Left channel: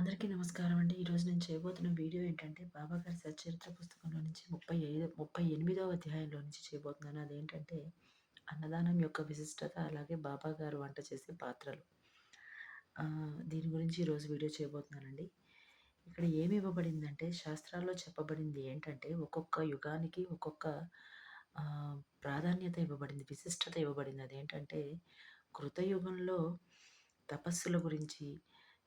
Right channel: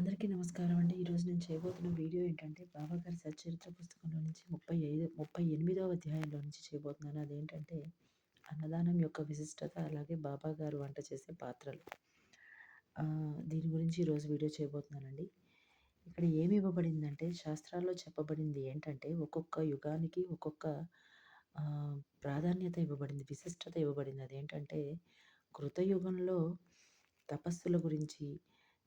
అందరికీ నమస్కారం అండి. ఈరోజు నేను చేయబోతున్న వీడియో ఏంటంటే, బాబాగారి సచ్చరిత్ర పుస్తకంలో నుంచి 38వ అధ్యాయంలో నుంచి చేయబోతున్నాను. అదేంటంటే, అన్నదానం యొక్క విశిష్టత, అలాగే బాబాగారు వంట చేసే పాత్రలు. దీని గురించి ఈరోజు వీడియో చేయబోతున్నానండి. ఇక్కడ ఏమి ఇవ్వబడిందంటే, శాస్త్రాల్లో చెప్పబడింది ఏంటంటే, ఒక్కొక్క యుగానికి ఒక్కొక్క ప్రాధాన్యత ఇవ్వబడింది, విశిష్టత ఇవ్వబడింది. అదేంటంటే, కృతయుగంలో తపస్సుల గురించి,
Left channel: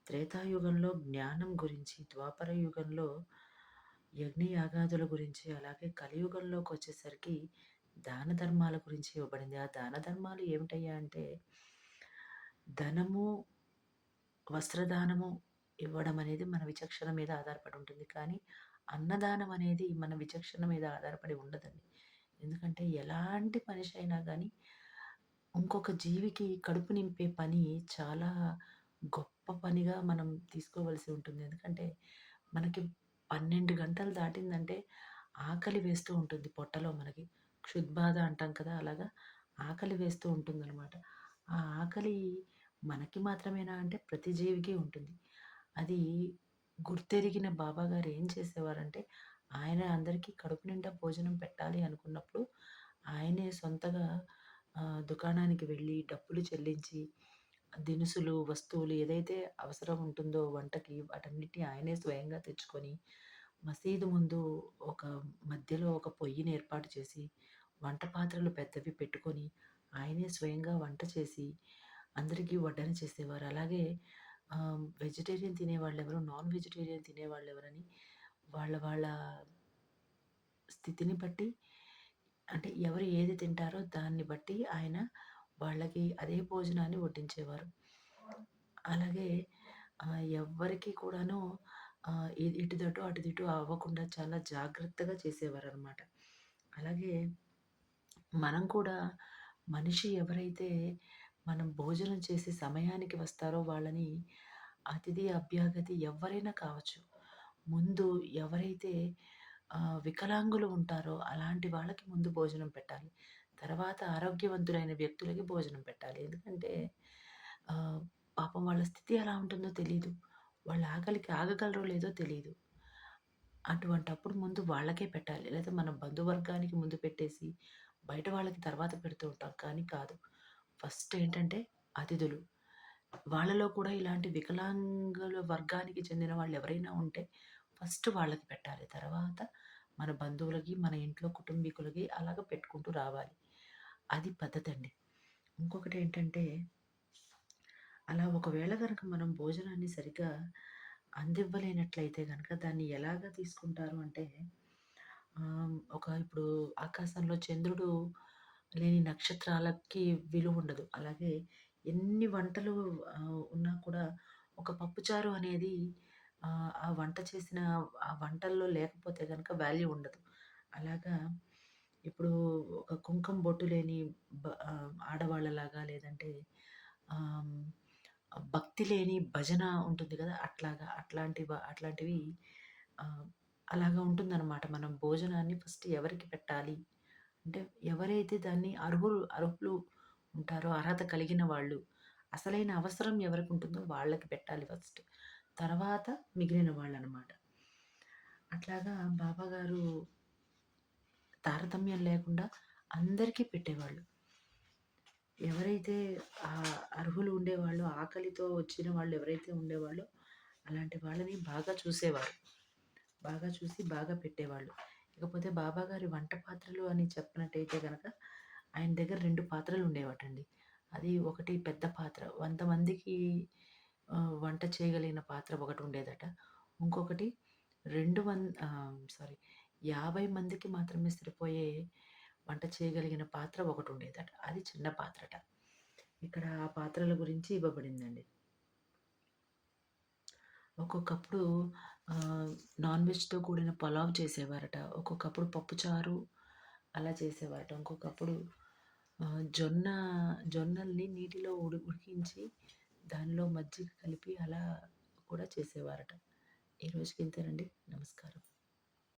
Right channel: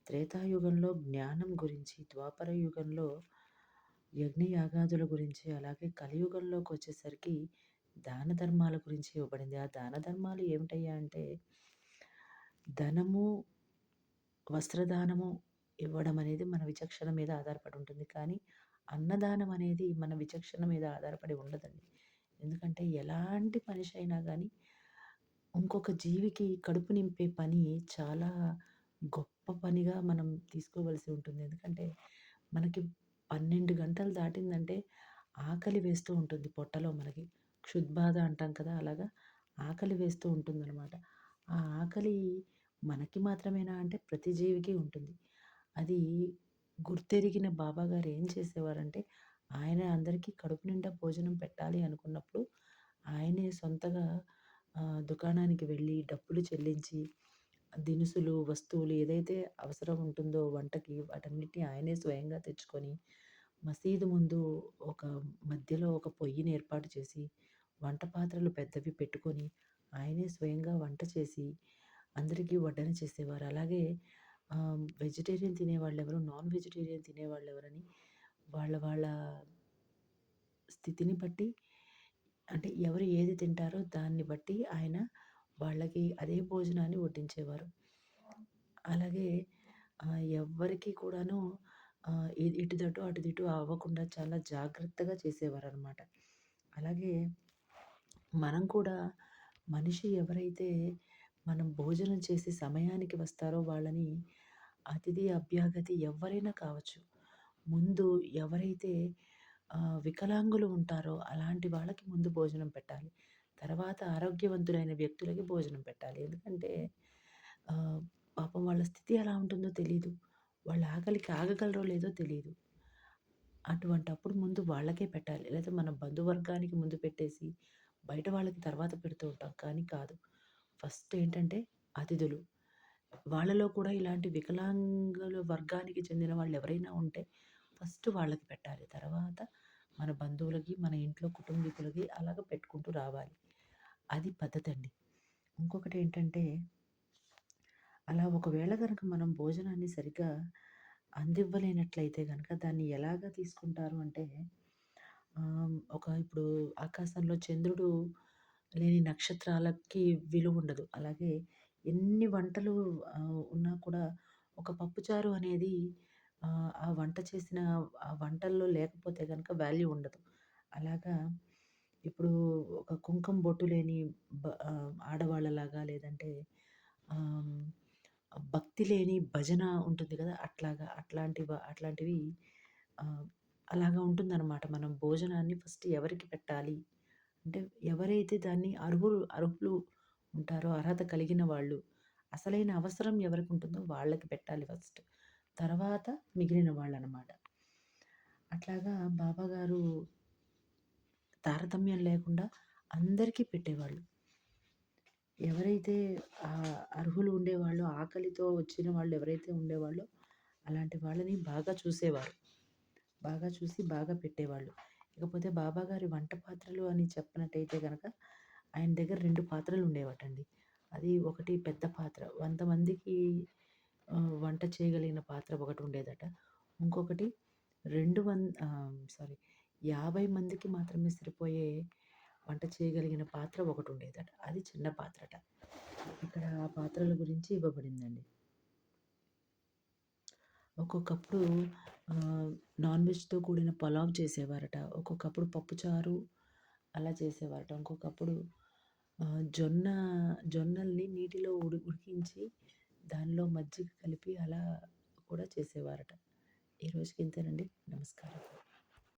త్రేతాయుగంలో జ్ఞానం గురించి, ద్వాపర యుగంలో యజ్ఞయాగాదుల గురించి, అలాగే కలియుగంలోకొచ్చేసరికి దాన ధర్మాల గురించి ఇవ్వబడింది. ఆ దాన ధర్మాలు ఏమిటయ్యా అంటే, ధనము, వస్త్రదానము ఇవ్వడం అనేది మన విచక్షణ మీద ఆధారపడి ఉంటుంది. కానీ అన్నదానం అనేది మన విచక్షణ మీద ఆధారపడి ఉండదండి. ఎందుకంటే ఎలాంటి మనిషి అయినా గానీ ఇంకొక జీవికి కడుపు నింపే పని చాలా గొప్ప పనిగా మనం తీసుకోవలసి ఉంటుంది. ఎందుకంటే మనకి 12 గంటలు దాటిందంటే ఆకలి వేస్తూ ఉంటుంది పొట్టలో మనకి. క్షుద్బాధ అంటాం కదా! అలాగా ఆకలి వేస్తూ ఉంటుందనమాట. ఆ ఆకలి మనకి మాత్రమేనా అంటే ప్రతి జీవికి ఉంటుంది. అది గుర్తెరిగిన బాబాగారు ఏం చేసేవారంటే, ఆయన అందరికీ కడుపు నిండా భోజనం పెట్టాలి అనుకున్నప్పుడు, ఆయనే సొంతగా దుకాణానికి వెళ్ళి డబ్బులు చెల్లించి, దినుసులు, వస్తువులు ఏదైతే అవసరం ఉంటుందో వంటకి వాటన్నిటిని ఆయనే స్వయంగా తెచ్చుకొని, మసీదు ముందు ఒక మధ్యలో ఒక పొయ్యిని ఏర్పాటు చేసి, వంట పాత్రలు పెద్దవి పెట్టుకొని, ఆయనే స్వయంగా వంట చేసి, అందరికీ వడ్డన చేసేవారు. అలాగే వెజిటేరియన్ తినేవాళ్ళెవరు, నాన్ వెజిటేరియన్ తినేవాళ్ళెవరని వాళ్ళ వాళ్ళ స్థితిని బట్టి, అంటే ఎవరు ఏది తింటారో దాన్ని బట్టి ఆయన వాళ్ళకి అదే భోజనాన్ని వడ్డించేవారు. అలాగే ఎవ్వరికీ కూడాను ఇటుదటు అటుదిటు అవ్వకుండా చాలా జాగ్రత్తగా చేసేవారనమాట. అలాగే మనం కూడా మనిషి ఎవరైతే మనం భోజనం చేసే సమయానికి వస్తారో వాళ్ళని అతిథి, అభ్యాగతి ఎవ్వరైనా కావచ్చు. ముందు ఎవరైతే వికలాంగులు ఉంటారో అలాంటి వాళ్ళకి ముందు భోజనం పెట్టాలి. తర్వాత ఆరోగ్యవంతులైన వ్యక్తులకి భోజనం పెట్టాలి. ఎందుకంటే ఆహ్, పాపం వాళ్ళ స్థితి ఎలా ఉంటుందో తెలీదు. వాళ్ళ ఆకలికి ఆగగలరో లేదో తెలీదు. అటువంటప్పుడు ముందు వాళ్ళకే పెట్టాలి. లేదా మన బంధువర్గానికి ముందు పెట్టేసి, బయట వాళ్ళకి తర్వాత పెడుతూ ఉంటాం. కానీ కాదు. ఫస్ట్ ఏంటంటే అతిథులు. వాళ్ళలో కూడా ఇలాంటి వికలాంగుల వర్గానికి చెందిన వాళ్ళెవరైనా ఉంటే ఫస్ట్ వాళ్ళకి పెట్టాలి. తర్వాత మన బంధువులకి, మన ఇంట్లో కుటుంబీకులకి అలాగ పెట్టుకుంటూ రావాలి. అది పద్ధతండి. ఇంకొకటేంటంటే, అలా ఒకవేళ గనక మనం భోజనాన్ని సరిగ్గా అందివ్వలేనట్లయితే గనక దాన్ని ఎలాగా తీసుకుంటారు అంటే, ఇప్పుడు ఆకాశంలో చంద్రుడు లేని నక్షత్రాలకి విలువుండదు. అలాగే ఎన్ని వంటలు ఉన్నా కూడా ఒక పప్పుచారు అనేది ఆ వంట చేసిన ఆ వంటల్లో లేకపోతే గనక వాల్యూ ఉండదు. అలాగా ఇప్పుడు ఒక కుంకుమ బొట్టు లేని ఆడవాళ్ళలాగా లేదంటే ఆహ్, భక్తి లేని భజన ఉంటుంది కదా! అట్లాగా అట్లాంటివి ఆహ్, అలాగా ఉంటుందనమాట. మనం భోజనాన్ని ఫస్ట్ ఎవరికి పెట్టాలి అంటే ఎవరైతే దాన్ని అర్హులు ఉంటారో, అర్హత కలిగిన వాళ్ళు, అసలైన అవసరం ఎవరికుంటుందో వాళ్ళకి పెట్టాలి ఫస్ట్. తర్వాత మిగిలిన వాళ్ళనమాట. అట్లాగా బాబాగారు తారతమ్యం లేకుండా అందరికీ పెట్టేవాళ్ళు. ఎవరైతే అర్హులు ఉండేవాళ్ళో, ఆకలితో వచ్చిన వాళ్ళు ఎవరైతే ఉండేవాళ్ళో, అలాంటి వాళ్ళని బాగా చూసేవారు. బాగా చూసి బాగా పెట్టేవాళ్ళు. ఇకపోతే బాబాగారి వంట పాత్రలు అని చెప్పినట్టయితే గనక, ఆయన దగ్గర 2 పాత్రలు ఉండేవటండి. అది ఒకటి పెద్ద పాత్ర. 100 మందికి వంట చేయగలిగిన పాత్ర ఒకటుండేదట. ఇంకొకటి 50 మందికి మాత్రమే సరిపోయే వంట చేయగలిగిన పాత్ర ఒకటుండేదట. అది చిన్న పాత్రట. ఇక్కడ ఆ పాత్రల గురించి ఇవ్వబడిందండి. ఒక్కొక్కప్పుడు నాన్ వెజ్‌తో కూడిన పలావ్ చేసేవారట. ఒక్కొక్కప్పుడు పప్పుచారు అలా చేసేవారట. ఇంకొకప్పుడు జొన్నల్ని నీటిలో ఉడికించి దానిలో మజ్జిగ కలిపి అలా కూడా చేసేవారట. ఈ రోజుకి ఇంతేనండి. నమస్కారం.